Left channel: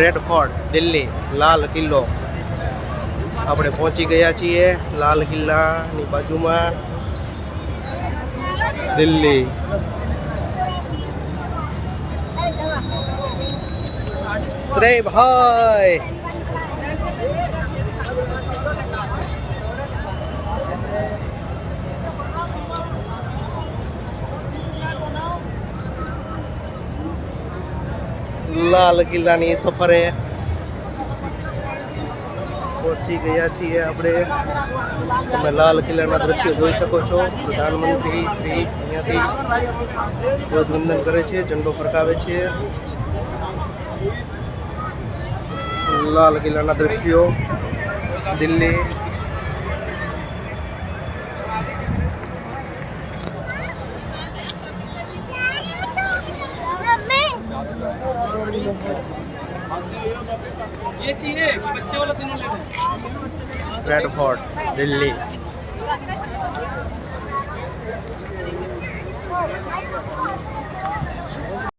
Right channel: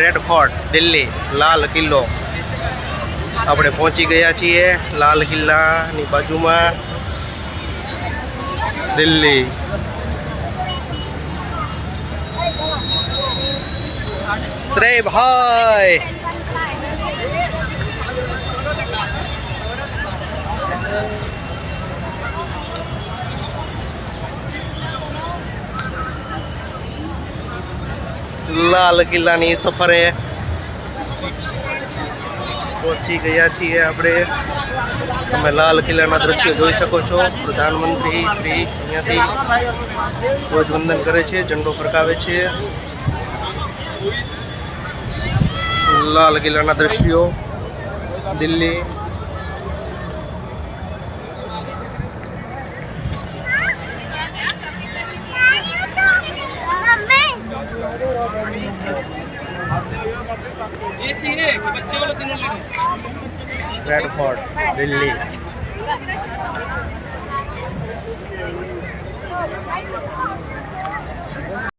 Red fort Delhi, લાલ કિલ્લો. આપણે પહોંચી ગયા છીએ લાલ કિલ્લાની બાજુમાં, દિલ્હી. શ્રેયભાઈ લાલ કિલ્લાની સફરે પહોંચી ગયા છીએ આપણે. તમે લાલ કિલ્લાના દ્રશ્યો જોઈ શકો છો. પ્રધાનમંત્રી શ્રી અહીંયાથી ધ્વજવંદન કરે છે, ઝંડો ફરકાવે છે. લાલ કિલ્લાના દ્રશ્યો દિલ્હી. Red fort Delhi.